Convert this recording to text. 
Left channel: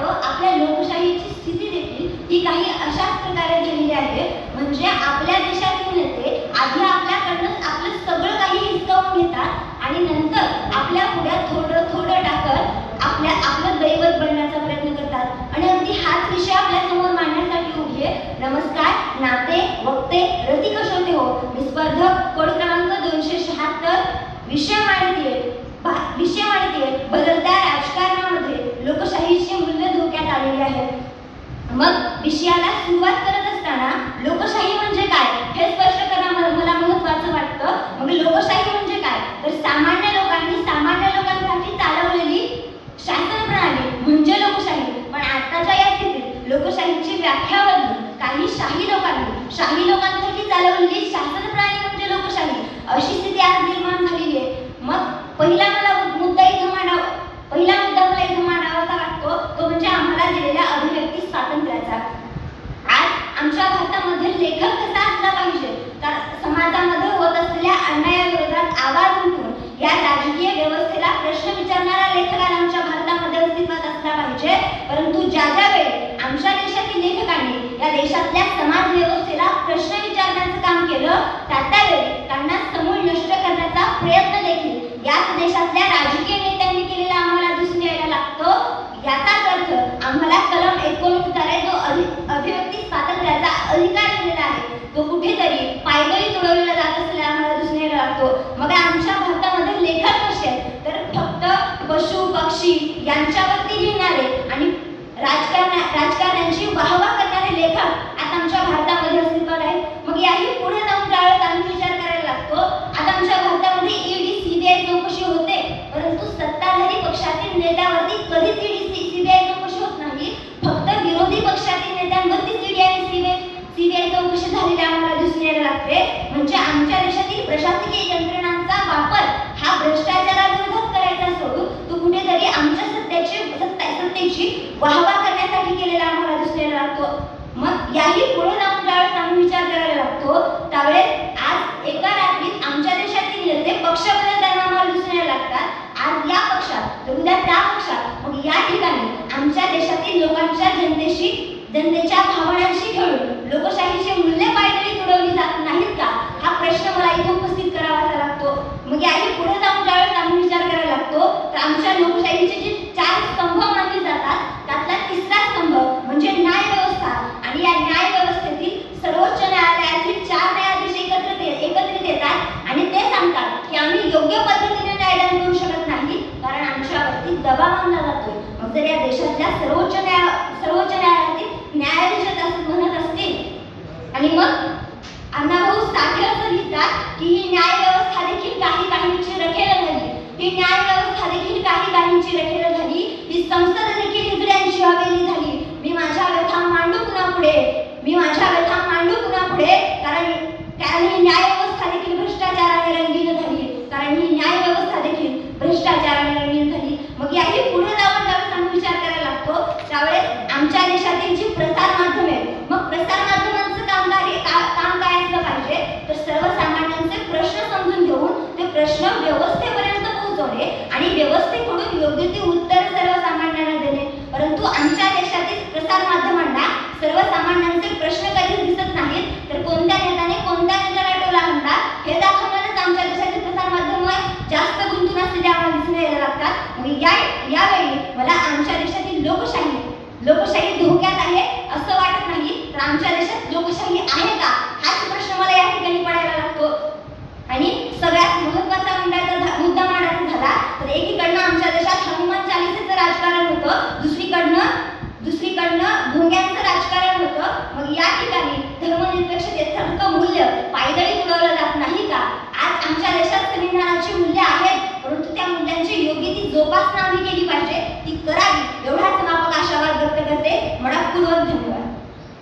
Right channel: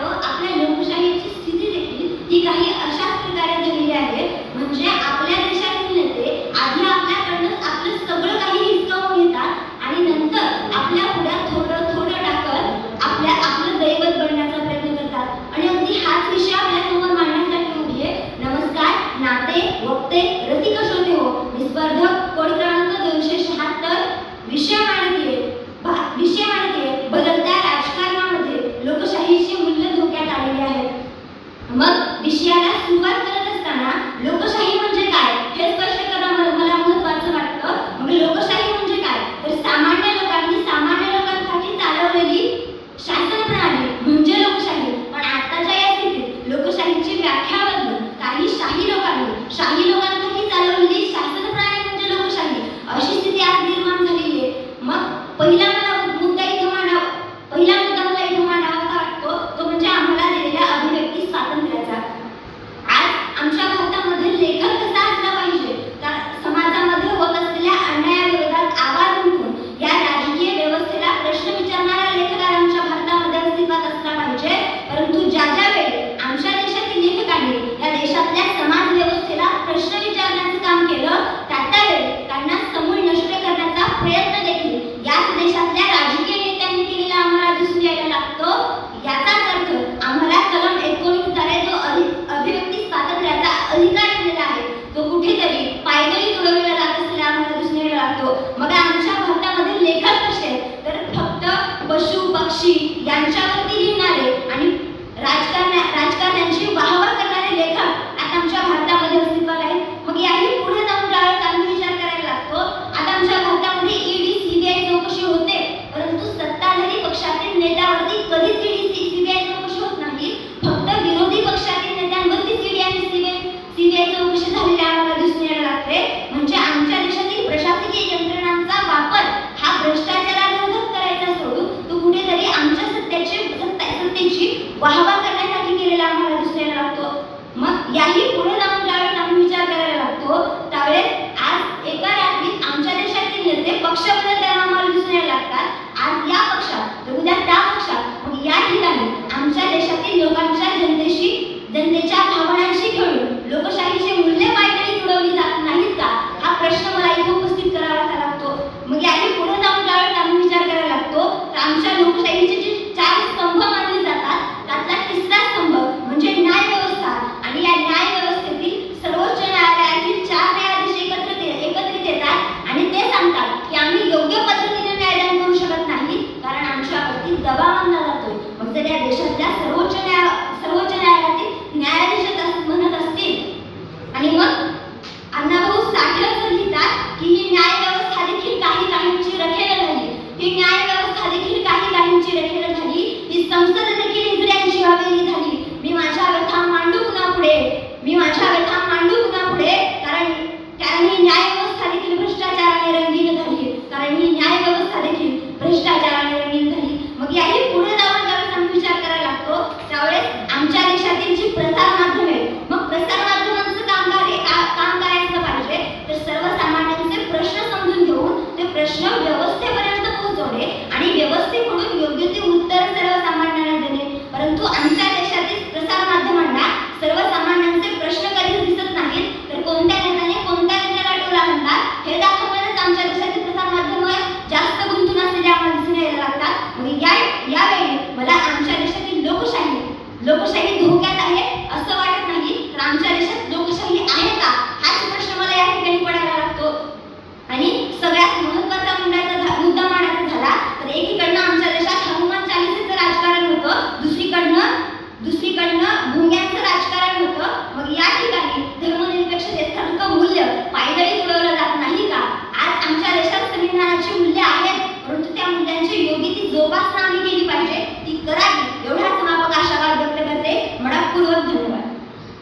वाटतं आपल्या लोकशाहीची स्थिती देखील ही काही अशाच प्रकारे झालेली आहे. म्हणजे आपल्या देशातील नेते आधी आपल्याकडनं आपलं सगळं काही हिसकावून घेतात आणि नंतर आपल्या पुढ्यात थोडं थोडं टाकत आपलं दैवत बनण्याचा प्रयत्न करतात. आणि अगदी हाच विषय आपल्या समोर मांडण्यासाठी उभी आहे. नमस्कार, नाते, वक्ते, रसिक श्रोते हो, मी स्पर्धक कोड क्रमांक 276 विषय मांडतीये बदलत्या राजकारणामध्ये लोकशाहीची मूल्य धोक्यात आलेली आहेत. मग विषयाला सुरुवात करत असताना लोकशाही म्हणजे काय हे स्पष्ट करणं मला महत्त्वाचं वाटतं. मग लोकशाही म्हणजे काय तर सामान्य लोकांसाठी चालवलेली शासन प्रणाली म्हणजे लोकशाही. पण आताच्या या स्थितीत लोकशाहीची व्याख्या बदलून काही शाही लोकांसाठी चालवलेली शासन प्रणाली म्हणजे लोकशाही अशी स्थिती आज निर्माण झालेली आहे. मग पहिला मुद्दा मला इथं मांडावासा वाटतो तो म्हणजे आम्हाला दिलेल्या अभिव्यक्ती स्वातंत्र्याचा. आज आमच्या भारतामध्ये लेखक कसा असला पाहिजे तर समाजामध्ये होत असलेल्या अन्यायाविरोधात आवाज उठवून या राजकीय व्यवस्थेला प्रश्न विचारणारा लेखक आमच्या भारतामध्ये अस्तित्वात असला पाहिजे. परंतु ज्या वेळी आमच्या देशातील लेखकांनी या देशातल्या समाज व्यवस्थेला प्रश्न विचारण्याचं काम केलं त्यावेळी त्यांना समूळ नष्ट करण्याचा प्रयत्न देखील याच देशातल्या राजकीय नेत्यांनी केलेला आम्हाला दिसून यायला लागतो. याचाच अर्थ आम्हाला कलम 19 द्वारे जो अभिव्यक्ती स्वातंत्र्याचा अधिकार दिलेला आहे तो कुठेतरी पायदळी तुडवलेला जात असलेला आम्हाला दिसून यायला लागतो. मग आमच्या भारतामध्ये लेखक कसे तर फक्त पशु पक्षी यांच्यावरती लिहिणारे आणि राजकारण्यांची वाहवा करणारे लेखक आता आमच्या भारतामध्ये अस्तित्वात आहेत. मग याही पुढे जाऊन ज्यावेळेस आम्ही विचार करायला लागतो आता आमच्या भारतामध्ये ईडी सीबीआय चौकशी होते परंतु सत्ताधारी पक्षातील नेत्यावरती कधीच ईडी सीबीआय चौकशी होत नाही. फक्त विरोधी पक्षातील नेत्यांवरती ईडी आणि सीबीआय चौकशी झालेली आम्हाला दिसून यायला लागते. म्हणजे आमच्या देशातील प्रशासकीय यंत्रणांचा वापर हा भ्रष्टाचाराविरोधात करायचा सोडून तो कुठेतरी आमच्या सत्तेची वाहवा करण्यासाठी केलेला आम्हाला दिसून यायला लागतो. मग याही पुढे जाऊन ज्यावेळेस आम्ही विचार करायला लागतो त्यावेळेस आज एका रात्रीत आमच्या देशातील नेते पक्ष बदलताना आम्हाला दिसून यायला लागतात. आज या पक्षात तर उद्या त्या पक्षात. मग या ठिकाणी आमच्या देशातील लोकांच्या जनतेच्या भावनांशी खेळून लोकशाहीचे मूल्य पायदळी तुडवली जात नाहीत का हा प्रश्न मला इथे उपस्थित करावा लागतो. मग याही पुढे जाऊन ज्यावेळेस आम्ही विचार करायला लागतो तर आमच्या लोकशाहीचे जे 4 स्तंभ मानले जातात त्यातला तिसरा स्तंभ म्हणजे न्याय व्यवस्था. आणि या न्याय व्यवस्थेतील सर्वोच्च न्यायालयातील 4 न्यायाधीश एकत्रित येतात आणि ते सांगतात की आम्ही योग्य पद्धतीने न्यायदान करू शकत नाही कारण आमच्यावरती दबाव आणला जातोय. मग जर या देशातल्या सर्वोच्च न्यायालयातील न्यायाधीश असं म्हणत असतील आणि मग अण्णाभाऊ साठे असं लिहितात की ही न्याय व्यवस्था देखील काहींची रखेल झाली. ही न्याय व्यवस्था देखील काहींची रखेल झाली. ही संसद देखील हिजड्यांची हवेली झाली. मी माझ्या व्यथा मांडू पुन्हा पुढे कारण ही न्याय व्यवस्था देखील भ्रष्टाचाराने रंगीन झाली. मग याही पुढे जाऊन ज्यावेळेस आम्ही विचार करायला लागतो त्यावेळेस आमच्या देशातील जी प्रसार माध्यमे आहेत मग प्रसार माध्यमांचं काम काय असलं पाहिजे तर सर्वसामान्यांचे प्रश्न समजून घेऊन ते प्रश्न व्यवस्थेपर्यंत पोहोचवणे आणि व्यवस्थेकडून योग्य ते उत्तर सर्वसामान्यांना देणे. परंतु आमच्या देशातील प्रसार माध्यमांना सर्वसामान्यांचे प्रश्न कधीच दिसत नाहीत तर कोणत्या नेत्याला टोला म्हणतात हे दाखवण्यास आमच्या देशातील प्रसार माध्यम जास्त गुंतून असलेले आम्हाला दिसून यायला लागतात. मग यावेळी मला आमच्या देशातील लोकशाही धोक्यात आहे असं वाटत नाही तर आमच्या देशात लोकशाही आहे का हाच प्रश्न मला या ठिकाणी पडायला लागतो. आणि सगळ्यात महत्त्वाचा मुद्दा मांडायचा झाला तर एकीकडनं आमच्या देशात हनुमान चालीसेचं राजकारण होतं दुसरीकडनं भोंग्यांचं राजकारण होतं. मग या ठिकाणी धर्मनिरपेक्षतेचं मूल्य पायदळी तुडवलं जात नाही का. आज आमच्या देशात संविधानाची मूल्य आहेत परंतु त्या मूल्यांची योग्य ती जोपासना आम्ही केली पाहिजे ती करावी एवढाच माफक आशावाद व्यक्त करते. मनःपूर्वक धन्यवाद.